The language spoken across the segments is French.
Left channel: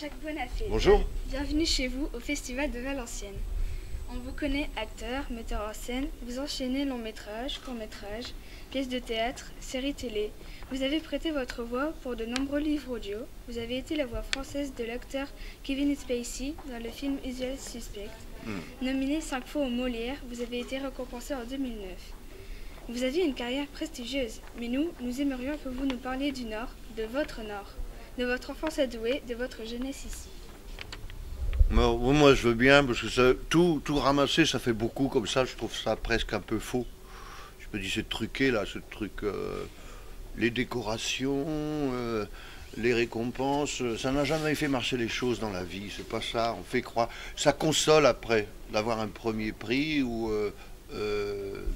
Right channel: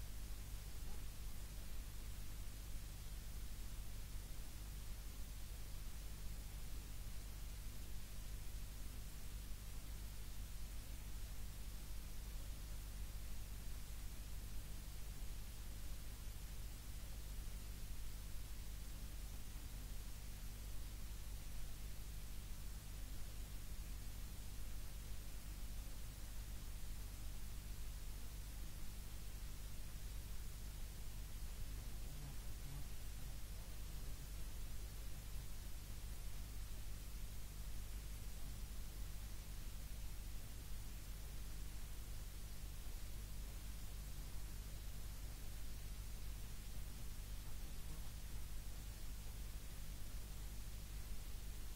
Jacques Bonafé. Bonjour. Bienvenue chez vous au Festival de Valenciennes. On vous connaît acteur, metteur en scène, vous enchaînez long métrage, court métrage, pièces de théâtre, séries télé. Vous avez prêté votre voix pour de nombreux livres audio. Vous avez été la voix française de l'acteur Kevin Spacey dans le film Usual Suspect. Nominé 5 fois au Molière, vous avez été récompensé en 2009. Vous aviez une carrière prestigieuse, mais nous aimerions que vous nous parliez du Nord, de votre enfance adouée, de votre jeunesse ici. Moi, je veux bien, parce que ça, tout ramasser, ça fait beaucoup comme ça. Je trouve ça presque un peu faux. Je me dis, c'est truqué, là, ce truc. Les décorations, les récompenses, ça n'a jamais fait marcher les choses dans la vie. C'est pas ça. On fait croire. Ça console après d'avoir un premier prix ou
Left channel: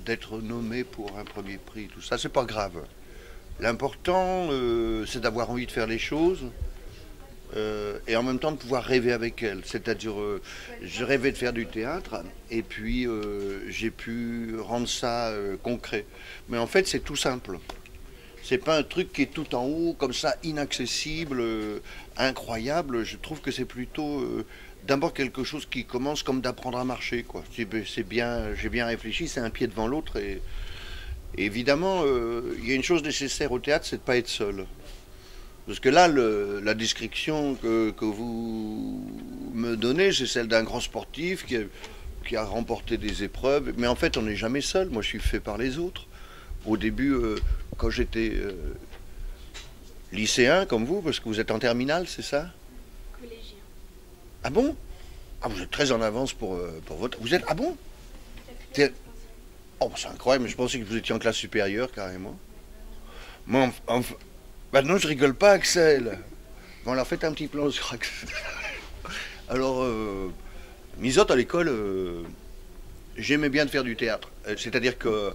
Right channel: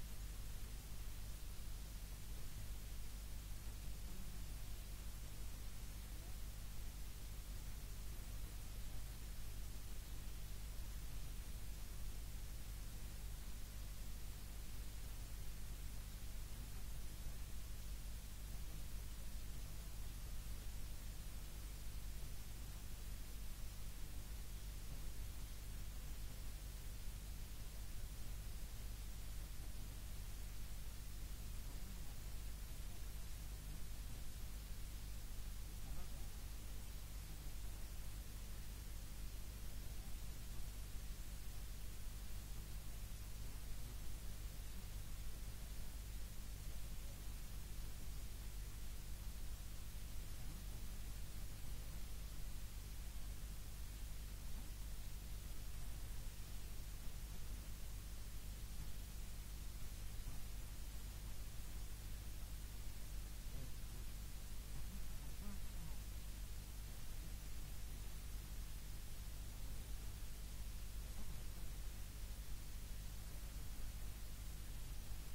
d'être nommé pour un premier prix. Tout ça, c'est pas grave. L'important, c'est d'avoir envie de faire les choses. Et en même temps de pouvoir rêver avec elle. C'est-à-dire, je rêvais de faire du théâtre, et puis j'ai pu rendre ça concret. Mais en fait, c'est tout simple. C'est pas un truc qui est tout en haut, comme ça, inaccessible, incroyable. Je trouve que c'est plutôt d'abord quelque chose qui commence comme d'apprendre à marcher, quoi. C'est bien, j'ai bien réfléchi, c'est un pied devant l'autre. Et évidemment, il y a une chose nécessaire au théâtre, c'est de ne pas être seul. Parce que là, la description que vous me donnez, c'est celle d'un grand sportif qui a remporté des épreuves. Mais en fait, on n'est jamais seul. Moi, je suis fait par les autres. Au début, quand j'étais lycéen, comme vous, parce que vous êtes en terminale, c'est ça? Collégien. Ah bon? Ah, vous êtes très en avance pour votre... Vous êtes... Ah bon? Oh, c'est incroyable, mais je pensais que vous étiez en classe supérieure, carrément. Moi, bah non, je rigole pas, Axel. Bon, alors faites un petit plan sur Axel. Alors, misote à l'école, j'aimais bien de faire du théâtre. C'est-à-dire que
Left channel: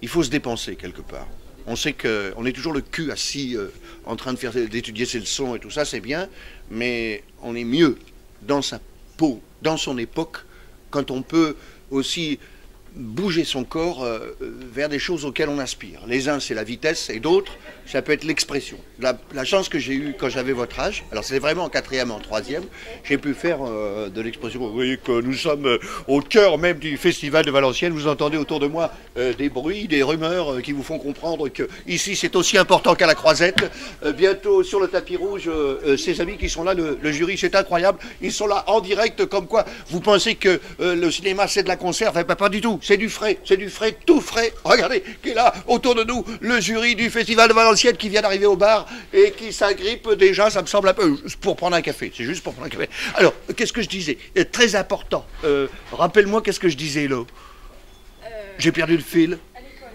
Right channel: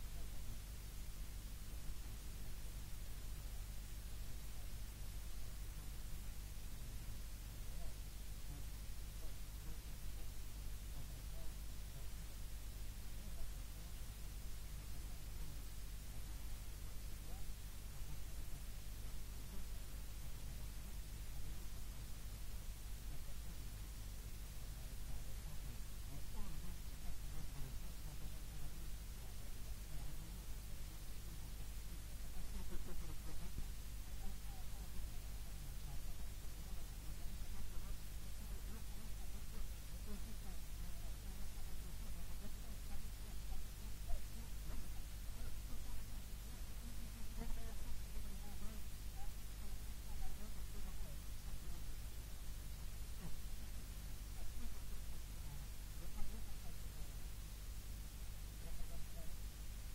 il faut se dépenser quelque part. On sait qu'on est toujours le cul assis en train d'étudier ses leçons et tout ça, c'est bien, mais on est mieux dans sa peau, dans son époque, quand on peut aussi bouger son corps vers des choses auxquelles on aspire. Les uns, c'est la vitesse, et d'autres, ça peut être l'expression. La chance que j'ai eue quand j'avais votre âge, alors c'est vraiment en quatrième, en troisième, j'ai pu faire de l'expression. Vous voyez que nous sommes au cœur même du festival de Valenciennes. Vous entendez autour de moi des bruits, des rumeurs qui vous font comprendre que ici c'est aussi important qu'à la Croisette. Bientôt sur le tapis rouge, ces amis qui sont là, le jury, c'est incroyable. Ils sont là en direct, comme quoi vous pensez que le cinéma c'est de la conserve. Pas du tout. C'est du frais, tout frais. Regardez, qui est là, autour de nous, le jury du Festival de Valenciennes qui vient d'arriver au bar et qui s'agrippe déjà, ça me semble un peu, pour prendre un café. C'est juste pour prendre un café. Alors, qu'est-ce que je disais? Très important. Rappelle-moi, qu'est-ce que je disais, là? J'ai perdu le fil. À l'école.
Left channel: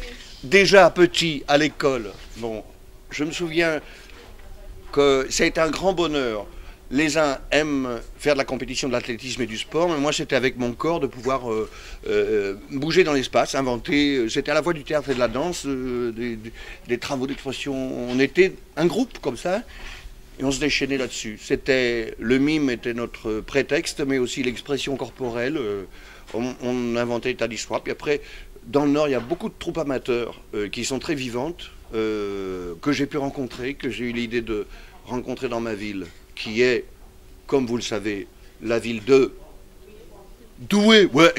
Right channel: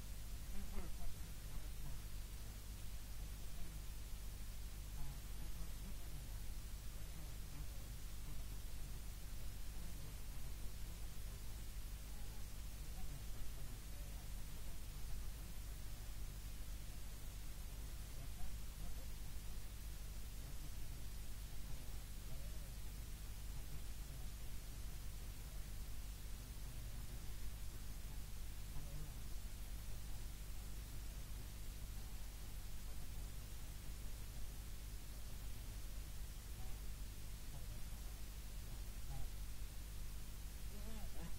Oui. Déjà petit, à l'école, bon, je me souviens que ça a été un grand bonheur. Les uns aiment faire de la compétition, de l'athlétisme et du sport, mais moi c'était avec mon corps de pouvoir bouger dans l'espace, inventer. C'était à la fois du théâtre et de la danse, des travaux d'expression. On était un groupe comme ça et on se déchaînait là-dessus. Le mime était notre prétexte, mais aussi l'expression corporelle. On inventait des tas d'histoires. Puis après, dans le Nord, il y a beaucoup de troupes amateurs qui sont très vivantes, que j'ai pu rencontrer, que j'ai eu l'idée de rencontrer dans ma ville, qui est, comme vous le savez, la ville de Douai. Ouais,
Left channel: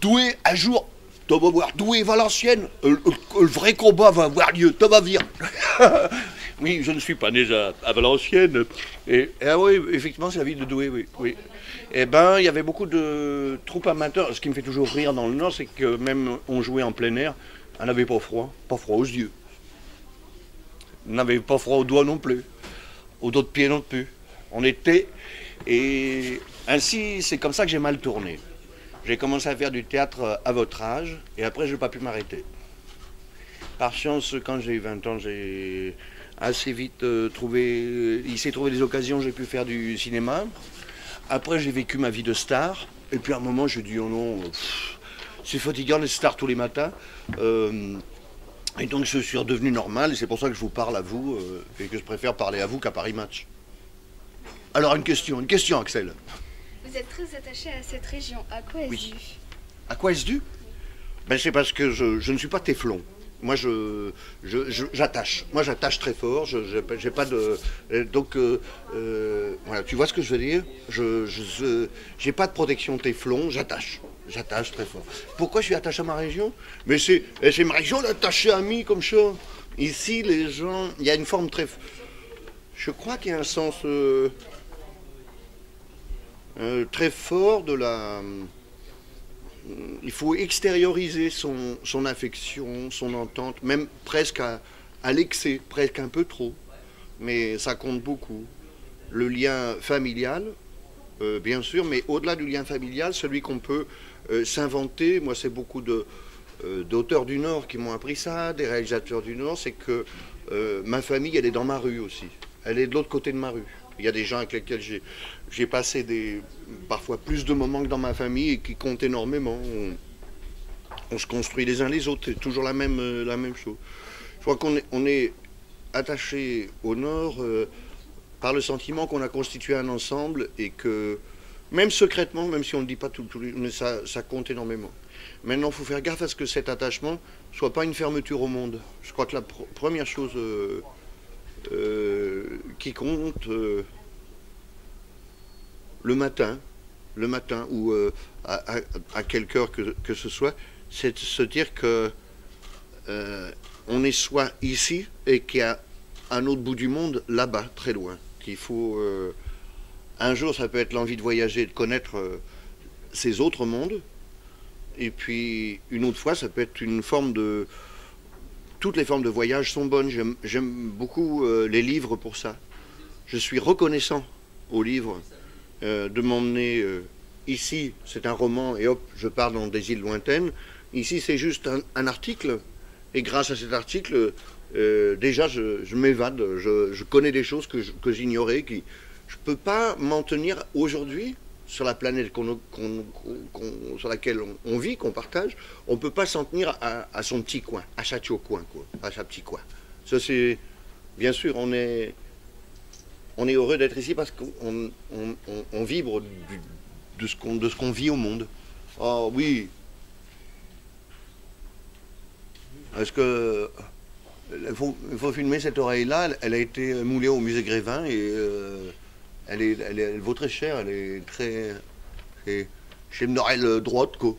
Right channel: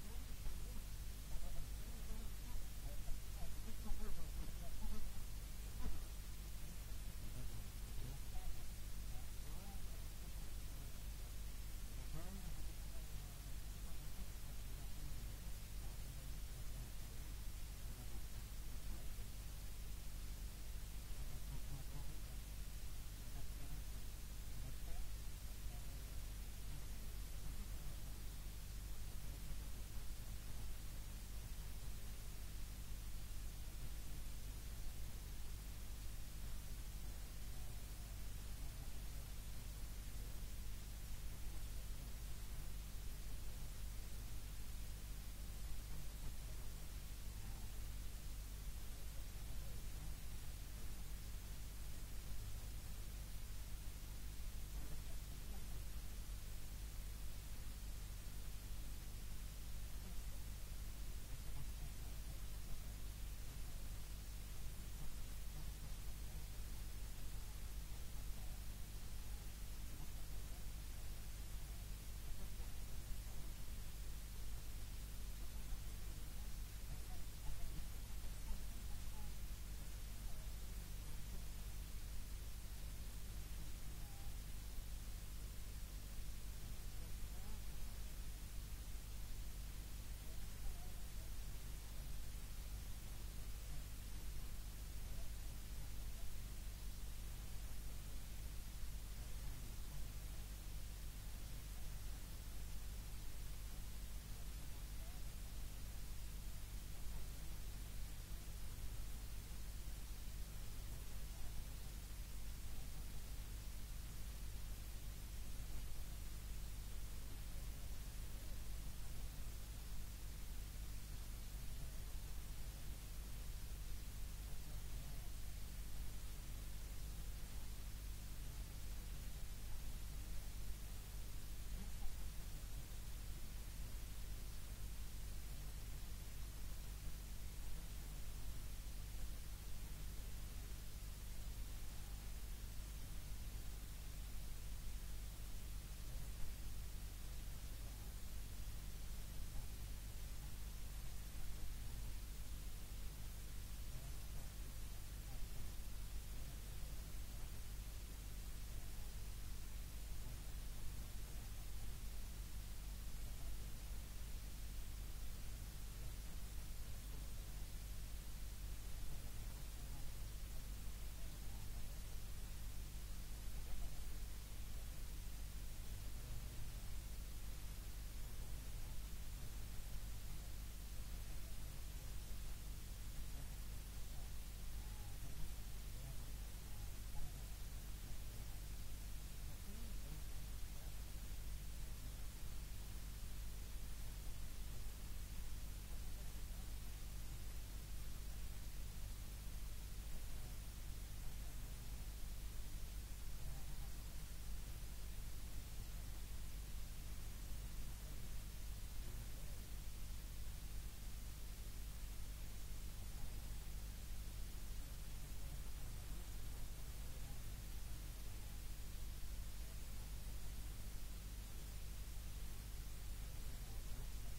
Douai, un jour, tu vas voir, Douai, Valenciennes, le vrai combat va avoir lieu, tu vas venir. Oui, je ne suis pas né à Valenciennes. Ah oui, effectivement, c'est la ville de Douai, oui. Oui. Eh ben, il y avait beaucoup de troupes amateurs. Ce qui me fait toujours rire dans le Nord, c'est que même on jouait en plein air, on n'avait pas froid aux yeux. On n'avait pas froid aux doigts non plus, aux dos de pied non plus. On était, et ainsi, c'est comme ça que j'ai mal tourné. J'ai commencé à faire du théâtre à votre âge, et après, je n'ai pas pu m'arrêter. Par chance, quand j'ai eu 20 ans, j'ai assez vite il s'est trouvé des occasions, j'ai pu faire du cinéma. Après, j'ai vécu ma vie de star, et puis à un moment, j'ai dit, oh non, c'est fatigant d'être star tous les matins. Et donc, je suis redevenu normal, et c'est pour ça que je vous parle à vous, et que je préfère parler à vous qu'à Paris Match. Alors, une question, Axel. Vous êtes très attaché à cette région. À quoi est-ce dû? À quoi est-ce dû? Ben, c'est parce que je ne suis pas téflon. Moi, j'attache. Moi, j'attache très fort. J'ai pas de. Donc, voilà, tu vois ce que je veux dire? J'ai pas de protection téflon, j'attache. J'attache très fort. Pourquoi je suis attaché à ma région? Mais c'est ma région d'attacher amis comme ça. Ici, les gens. Il y a une forme très. Je crois qu'il y a un sens très fort de la. Il faut extérioriser son affection, son entente, même presque à l'excès, presque un peu trop. Mais ça compte beaucoup. Le lien familial, bien sûr, mais au-delà du lien familial, celui qu'on peut s'inventer. Moi, c'est beaucoup d'auteurs du Nord qui m'ont appris ça, des réalisateurs du Nord, c'est que ma famille, elle est dans ma rue aussi. Elle est de l'autre côté de ma rue. Il y a des gens avec lesquels j'ai passé parfois plus de moments que dans ma famille et qui comptent énormément. On se construit les uns les autres, c'est toujours la même chose. Je crois qu'on est attaché au Nord par le sentiment qu'on a constitué un ensemble et que, même secrètement, même si on ne le dit pas mais ça compte énormément. Maintenant, il faut faire gaffe à ce que cet attachement ne soit pas une fermeture au monde. Je crois que la première chose qui compte le matin ou à quelque heure que ce soit, c'est de se dire que on est soit ici et qu'il y a un autre bout du monde là-bas, très loin. Qu'il faut un jour, ça peut être l'envie de voyager, de connaître ces autres mondes, et puis une autre fois, ça peut être une forme de. Toutes les formes de voyage sont bonnes. J'aime beaucoup les livres pour ça. Je suis reconnaissant aux livres de m'emmener ici. C'est un roman et hop, je pars dans des îles lointaines. Ici, c'est juste un article. Et grâce à cet article, déjà, je m'évade. Je connais des choses que j'ignorais. Je ne peux pas m'en tenir aujourd'hui sur la planète sur laquelle on vit, qu'on partage. On ne peut pas s'en tenir à son petit coin, à sa coin, quoi, à sa petit coin. Ça, c'est... Bien sûr, on est heureux d'être ici parce qu'on vibre de ce qu'on vit au monde. Oh oui. Est-ce que... Il faut filmer cette oreille-là. Elle a été moulée au musée Grévin et elle vaut très cher. Elle est très... J'ai une oreille droite, quoi.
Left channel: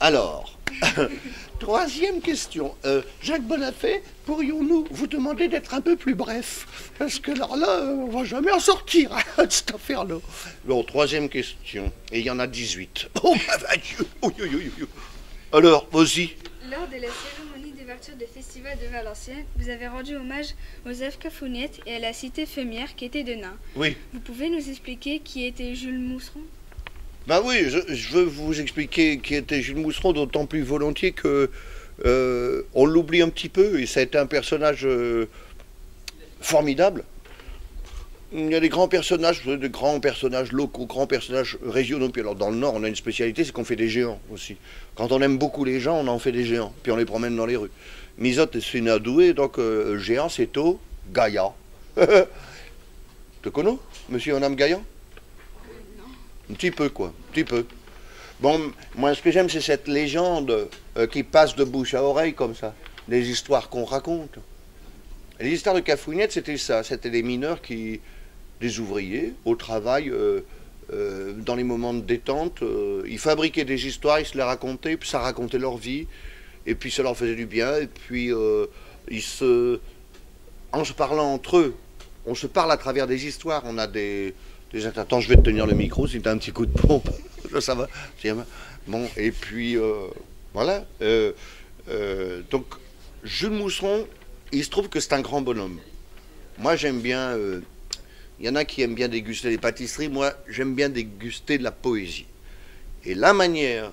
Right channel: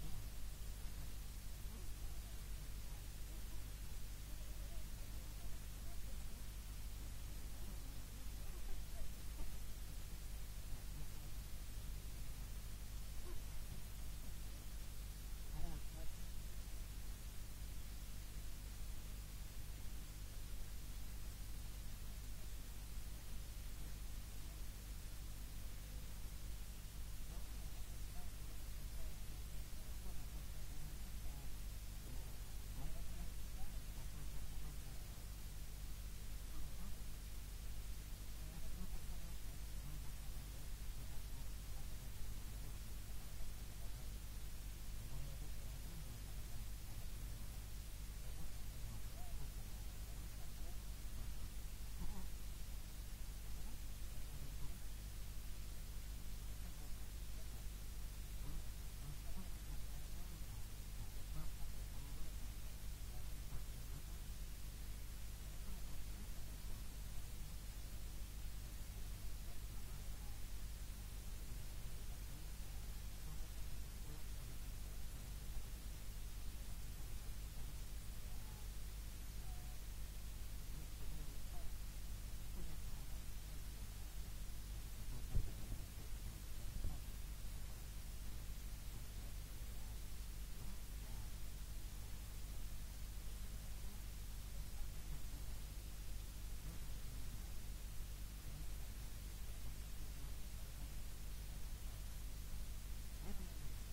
Alors, troisième question. Jacques Bonafé, pourrions-nous vous demander d'être un peu plus bref? Parce que alors là, on va jamais en sortir de cette affaire-là. Bon, troisième question. Et il y en a 18. Oh, bah, Dieu. Alors, vas-y. Lors de la cérémonie d'ouverture du Festival de Valenciennes, vous avez rendu hommage aux Joseph Cafouniette et à la cité Fémière qui était de Nain. Oui. Vous pouvez nous expliquer qui était Jules Mousseron? Ben oui, je veux vous expliquer qui était Jules Mousseron, d'autant plus volontiers que on l'oublie un petit peu, et ça a été un personnage formidable. Il y a des grands personnages locaux, grands personnages régionaux. Puis alors dans le Nord, on a une spécialité, c'est qu'on fait des géants aussi. Quand on aime beaucoup les gens, on en fait des géants, puis on les promène dans les rues. Misotte est une adouée, donc géant, c'est au Gaïa. Te connais, monsieur et madame Gaïa? Un petit peu, quoi, un petit peu. Bon, moi, ce que j'aime, c'est cette légende qui passe de bouche à oreille, comme ça. Les histoires qu'on raconte. Et les histoires de Cafouniette, c'était ça. C'était des mineurs des ouvriers, au travail, dans les moments de détente. Ils fabriquaient des histoires, ils se les racontaient, puis ça racontait leur vie. Et puis ça leur faisait du bien. Et puis, en se parlant entre eux, on se parle à travers des histoires. On a des... Attends, je vais te tenir le micro si tu as un petit coup de pompe. Ça va. Bon, et puis, voilà. Donc, Jules Mousseron, il se trouve que c'est un grand bonhomme. Moi, j'aime bien... Il y en a qui aiment bien déguster les pâtisseries. Moi, j'aime bien déguster de la poésie. Et la manière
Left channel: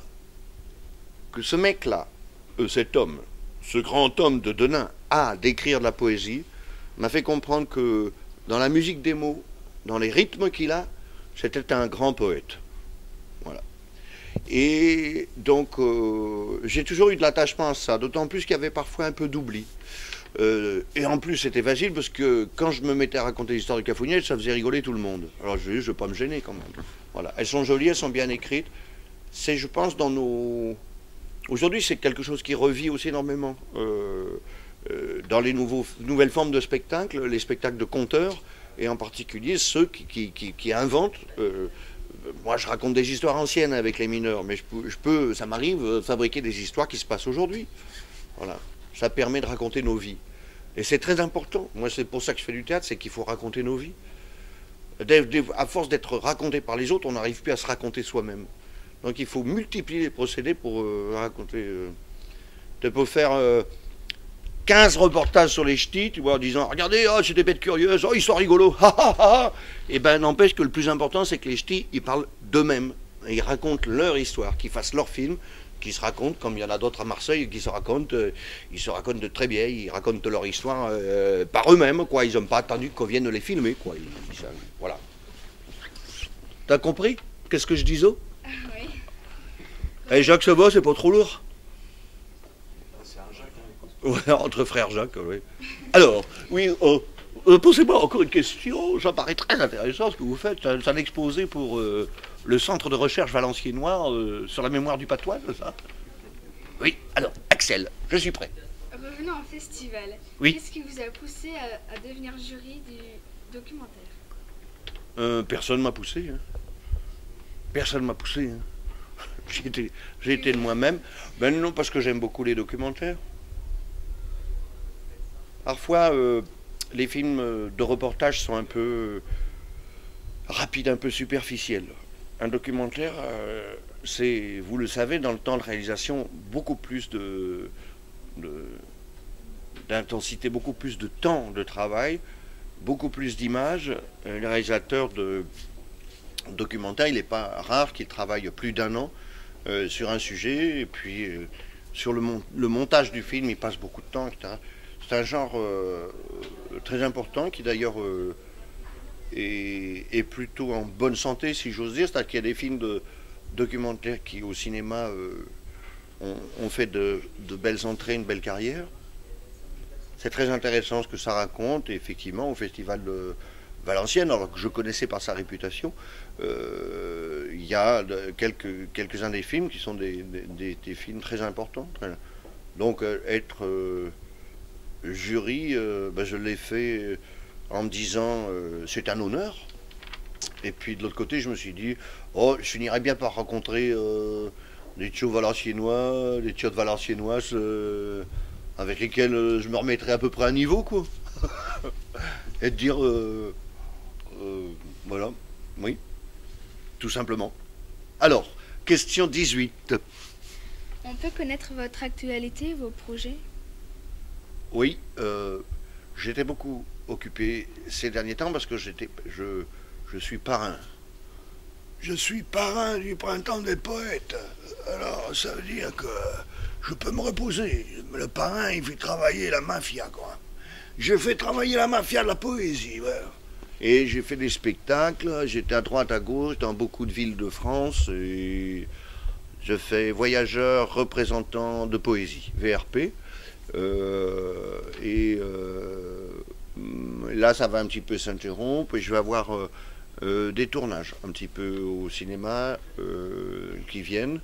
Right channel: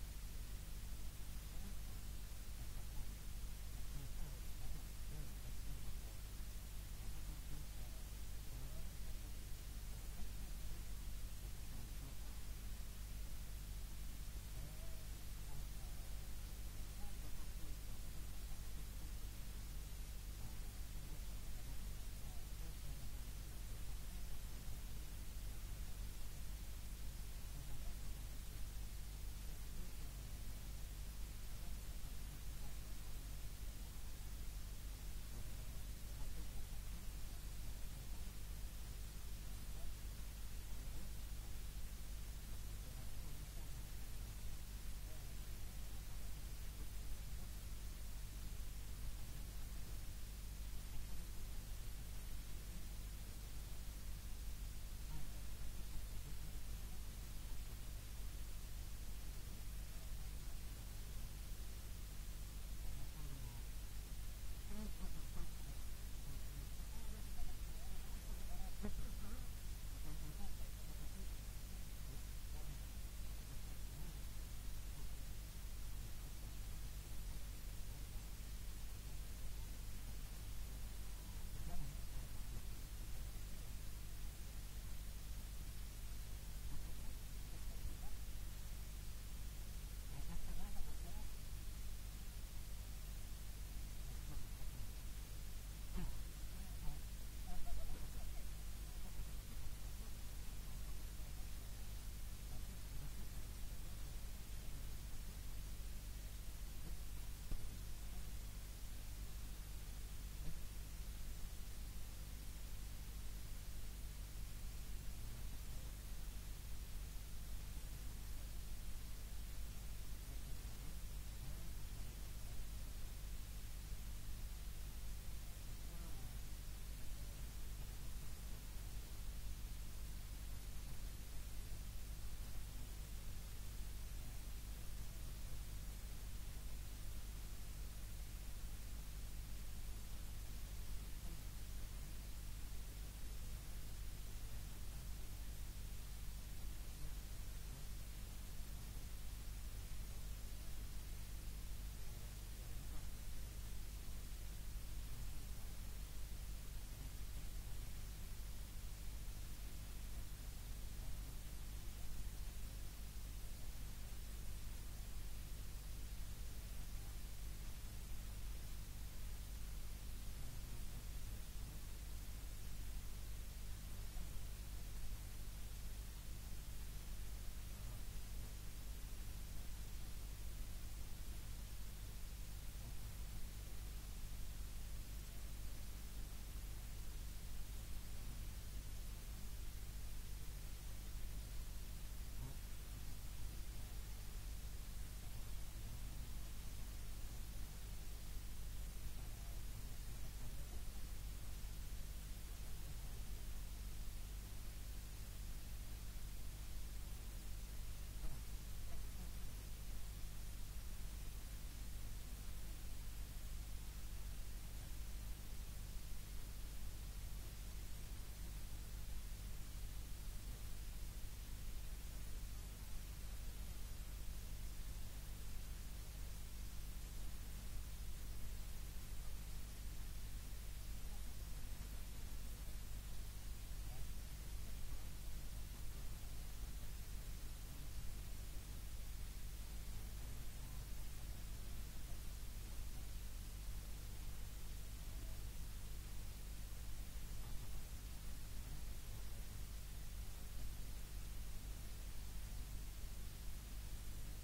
que ce mec-là, cet homme, ce grand homme de Denain, a d'écrire de la poésie, m'a fait comprendre que dans la musique des mots, dans les rythmes qu'il a, c'était un grand poète. Voilà. Et donc, j'ai toujours eu de l'attachement à ça, d'autant plus qu'il y avait parfois un peu d'oubli. Et en plus, c'était facile parce que quand je me mettais à raconter l'histoire de Cafouniette, ça faisait rigoler tout le monde. Alors je ne vais pas me gêner quand même. Voilà. Elles sont jolies, elles sont bien écrites. C'est, je pense, dans Aujourd'hui, c'est quelque chose qui revit aussi énormément. Dans les nouvelles formes de spectacles, les spectacles de conteurs, et en particulier ceux qui inventent. Moi, je raconte des histoires anciennes avec les mineurs, mais ça m'arrive de fabriquer des histoires qui se passent aujourd'hui. Voilà. Ça permet de raconter nos vies. Et c'est très important. Moi, c'est pour ça que je fais du théâtre, c'est qu'il faut raconter nos vies. À force d'être raconté par les autres, on n'arrive plus à se raconter soi-même. Donc il faut multiplier les procédés pour raconter. Tu peux faire 15 reportages sur les ch'tis, tu vois, en disant regardez, oh, c'est des bêtes curieuses, oh, ils sont rigolos, ha ha ha. Et ben n'empêche que le plus important, c'est que les ch'tis, ils parlent d'eux-mêmes. Ils racontent leur histoire, qu'ils fassent leur film, qu'ils se racontent, comme il y en a d'autres à Marseille qui se racontent, ils se racontent de très bien, ils racontent leur histoire par eux-mêmes, quoi. Ils n'ont pas attendu qu'on vienne les filmer, quoi. Voilà. T'as compris? Qu'est-ce que je disais? Oui. Et Jacques, ça va, c'est pas trop lourd? Ouais, entre frères Jacques, oui. Alors, oui, posez-moi encore une question. Ça paraît très intéressant ce que vous faites. C'est un exposé pour le centre de recherche valenciennois sur la mémoire du patois, c'est ça? Oui, alors, Axel, je suis prêt. Revenons au festival. Oui. Qu'est-ce qui vous a poussé à devenir jury du documentaire? Personne ne m'a poussé. Hein. Personne ne m'a poussé. Hein. J'ai été de moi-même. Ben non, parce que j'aime beaucoup les documentaires. Parfois, les films de reportage sont un peu rapides, un peu superficiels. Un documentaire, c'est, vous le savez, dans le temps de réalisation, beaucoup plus d'intensité, beaucoup plus de temps de travail, beaucoup plus d'images. Le réalisateur de documentaire, il n'est pas rare qu'il travaille plus d'1 an sur un sujet, et puis sur le montage du film, il passe beaucoup de temps, etc. C'est un genre très important qui d'ailleurs est plutôt en bonne santé, si j'ose dire. C'est-à-dire qu'il y a des films de documentaires qui au cinéma ont fait de belles entrées, une belle carrière. C'est très intéressant ce que ça raconte. Et effectivement, au Festival de Valenciennes, alors que je connaissais par sa réputation, il y a quelques-uns des films qui sont des films très importants. Donc être jury, je l'ai fait en me disant c'est un honneur. Et puis de l'autre côté, je me suis dit, oh, je finirais bien par rencontrer des tchos valenciennois, des tchiottes valenciennoises avec lesquels je me remettrais à peu près à niveau, quoi. Et de dire, voilà, oui, tout simplement. Alors, question 18. On peut connaître votre actualité, vos projets? Oui, j'étais beaucoup occupé ces derniers temps parce que je suis parrain. Je suis parrain du Printemps des Poètes. Alors, ça veut dire que je peux me reposer. Le parrain, il fait travailler la mafia, quoi. Je fais travailler la mafia de la poésie, ouais. Et j'ai fait des spectacles, j'étais à droite, à gauche, dans beaucoup de villes de France, et je fais voyageur représentant de poésie, VRP. Là, ça va un petit peu s'interrompre, et je vais avoir des tournages un petit peu au cinéma qui viennent.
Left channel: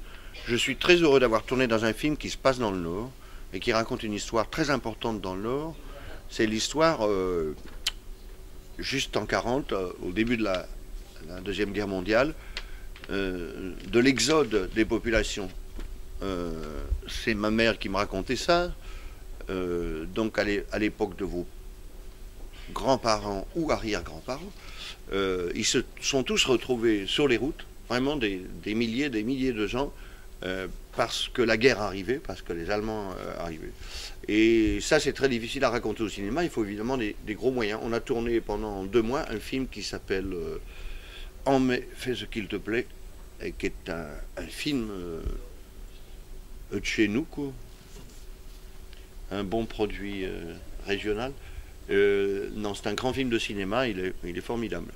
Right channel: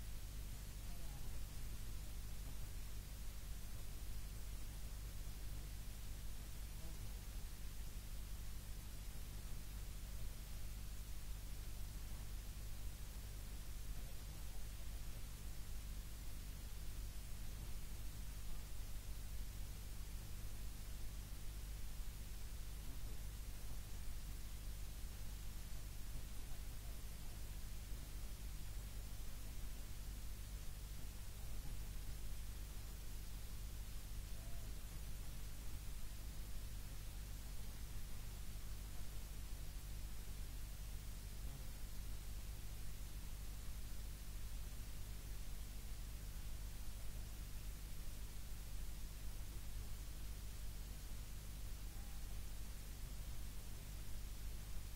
Je suis très heureux d'avoir tourné dans un film qui se passe dans le Nord, et qui raconte une histoire très importante dans le Nord. C'est l'histoire, juste en 40, au début de la Deuxième Guerre mondiale, de l'exode des populations. C'est ma mère qui me racontait ça. Donc à l'époque de vos grands-parents ou arrière-grands-parents, ils se sont tous retrouvés sur les routes, vraiment des milliers de gens, parce que la guerre arrivait, parce que les Allemands arrivaient. Et ça, c'est très difficile à raconter au cinéma. Il faut évidemment des gros moyens. On a tourné pendant 2 mois un film qui s'appelle En mai, fais ce qu'il te plaît, et qui est un film de chez nous, quoi. Un bon produit régional. Non, c'est un grand film de cinéma. Il est formidable.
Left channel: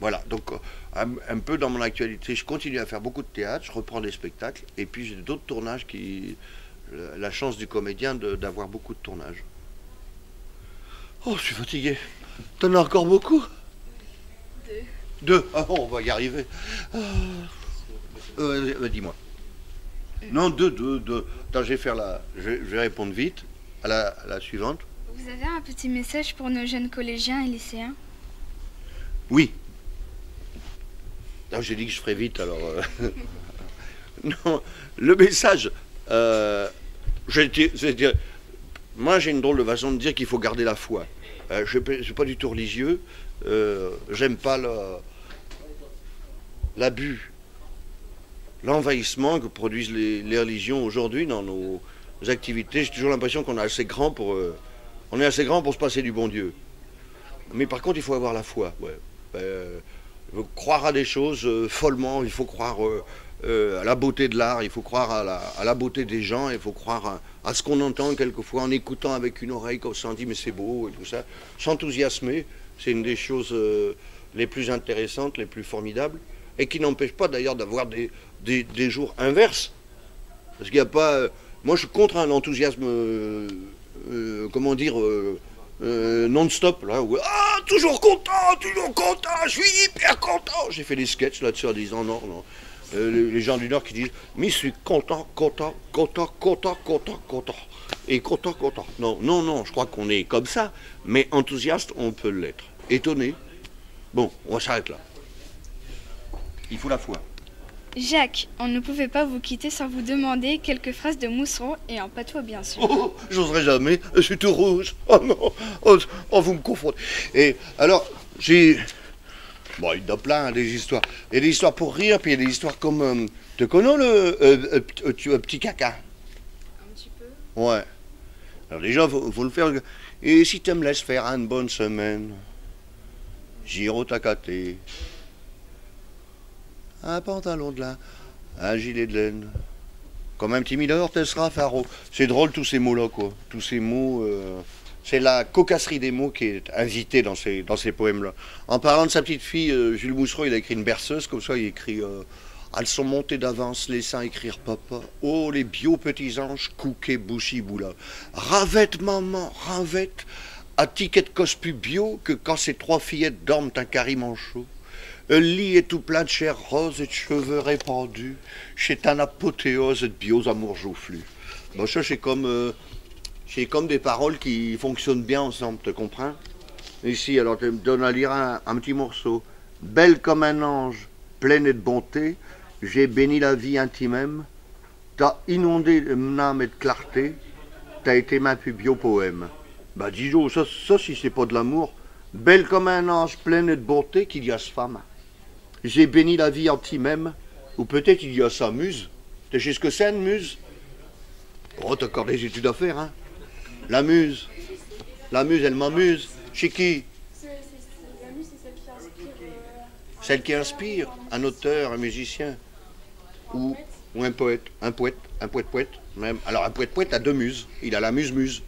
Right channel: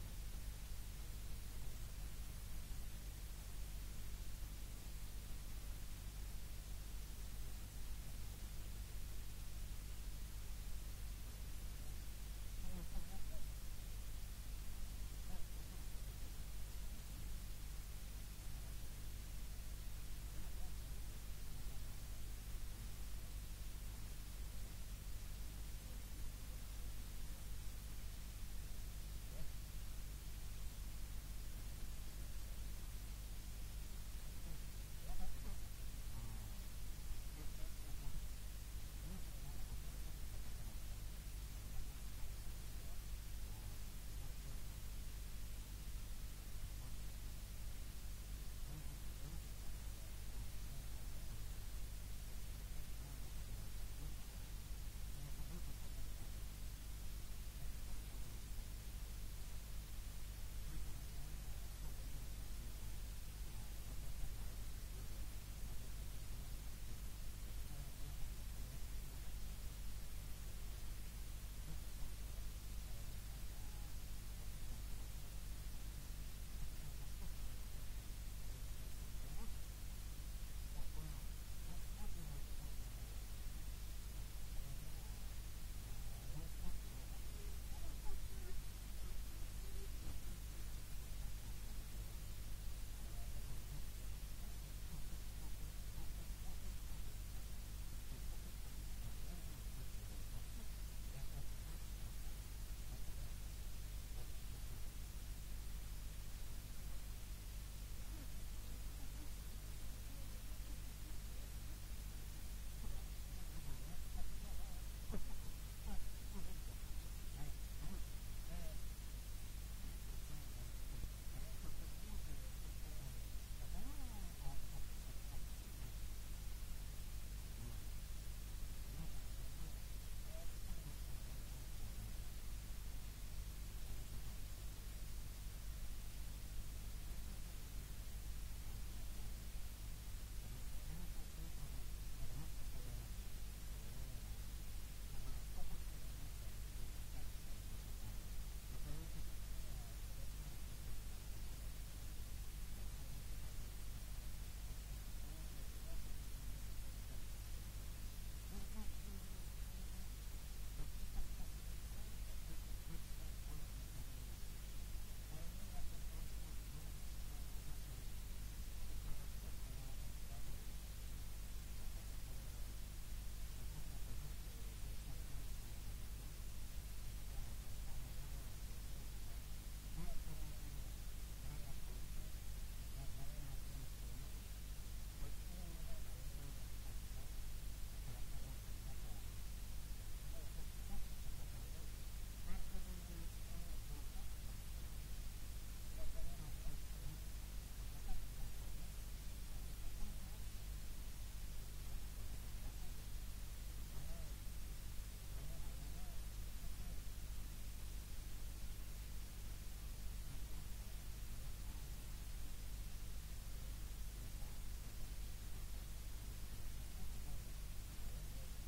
Voilà, donc un peu dans mon actualité, je continue à faire beaucoup de théâtre, je reprends des spectacles, et puis j'ai d'autres tournages la chance du comédien d'avoir beaucoup de tournages. Oh, je suis fatigué. T'en as encore beaucoup? 2. 2. Ah bon, on va y arriver. Dis-moi. Non, deux. Attends, je vais répondre vite à la suivante. Vous avez un petit message pour nos jeunes collégiens et lycéens? Oui. Non, j'ai dit que je ferais vite, alors... Non, le message... moi, j'ai une drôle de façon de dire qu'il faut garder la foi. Je ne suis pas du tout religieux. J'aime pas l'abus, l'envahissement que produisent les religions aujourd'hui dans nos activités. J'ai toujours l'impression qu'on est assez grand pour se passer du bon Dieu. Mais par contre, il faut avoir la foi. Ouais. Il faut croire à des choses follement. Il faut croire à la beauté de l'art. Il faut croire à la beauté des gens. Il faut croire à ce qu'on entend quelquefois en écoutant avec une oreille, quand on s'en dit mais c'est beau et tout ça. S'enthousiasmer, c'est une des choses les plus intéressantes, les plus formidables, et qui n'empêche pas d'ailleurs d'avoir des jours inverses. Parce qu'il n'y a pas... moi, je suis contre un enthousiasme, comment dire, non-stop, là, où, toujours content, je suis hyper content. J'ai fait des sketchs là-dessus en disant non. Les gens du Nord qui disent, mais je suis content. Et content. Non, je crois qu'on est comme ça, mais enthousiaste, on peut l'être. Étonné. Bon, on s'arrête là. Il faut la foi. Jacques, on ne pouvait pas vous quitter sans vous demander quelques phrases de Mousseron et en patois bien sûr. Oh, j'oserais jamais, je suis tout rouge. Oh non, vous me confondez. Et alors, bon, il y en a plein, des histoires. Il y a des histoires pour rire, puis il y a des histoires comme... tu connais le petit caca? Un petit peu. Ouais. Alors déjà, faut le faire. Et si tu me laisses faire une bonne semaine, giro tacaté, un pantalon de lin, un gilet de laine, comme un petit mineur, te sera faro. C'est drôle tous ces mots-là, quoi. Tous ces mots... c'est la cocasserie des mots qui est invitée dans ces poèmes-là. En parlant de sa petite fille, Jules Mousseron, il a écrit une berceuse, comme ça il écrit elles sont montées d'avance, laissant écrire papa. Oh, les bio petits anges, couquet, bouchi, boula. Ravette, maman, ravette, à ticket de cospu bio, que quand ces trois fillettes dorment un carré manchot. Le lit est tout plein de chair rose et de cheveux répandus. C'est un apothéose de bios amours joufflus. Bon, ça, c'est comme des paroles qui fonctionnent bien ensemble, tu comprends? Ici, alors, tu me donnes à lire un petit morceau. Belle comme un ange, pleine de bonté, j'ai béni la vie intime, t'as inondé mon âme et de clarté, t'as été ma plus bio poème. Bah, dis donc, ça, si c'est pas de l'amour, belle comme un ange, pleine de bonté, qu'il y a ce femme. J'ai béni la vie intime, ou peut-être il y a sa muse. Tu sais ce que c'est, une muse? Oh, t'as encore des études à faire, hein? La muse, elle m'amuse. Chez qui? La muse, c'est celle qui inspire. Celle qui inspire, un auteur, un musicien, ou un poète, un poète même. Alors un poète a deux muses, il a la muse.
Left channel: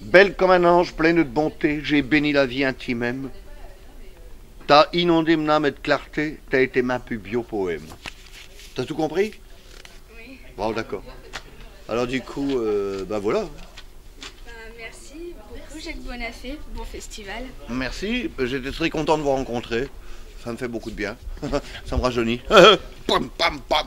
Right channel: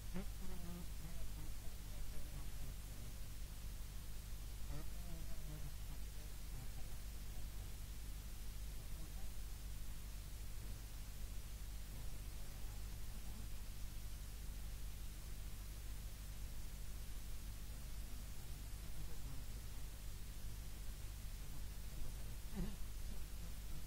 Belle comme un ange, pleine de bonté, j'ai béni la vie intime. T'as inondé mon âme de clarté, t'as été ma plus bio poème. T'as tout compris? Oui. Bon, d'accord. Alors du coup, ben voilà. Merci beaucoup Jacques Bonafé, bon festival. Merci, j'étais très content de vous rencontrer. Ça me fait beaucoup de bien. Ça me rajeunit. Pam, pam, pam.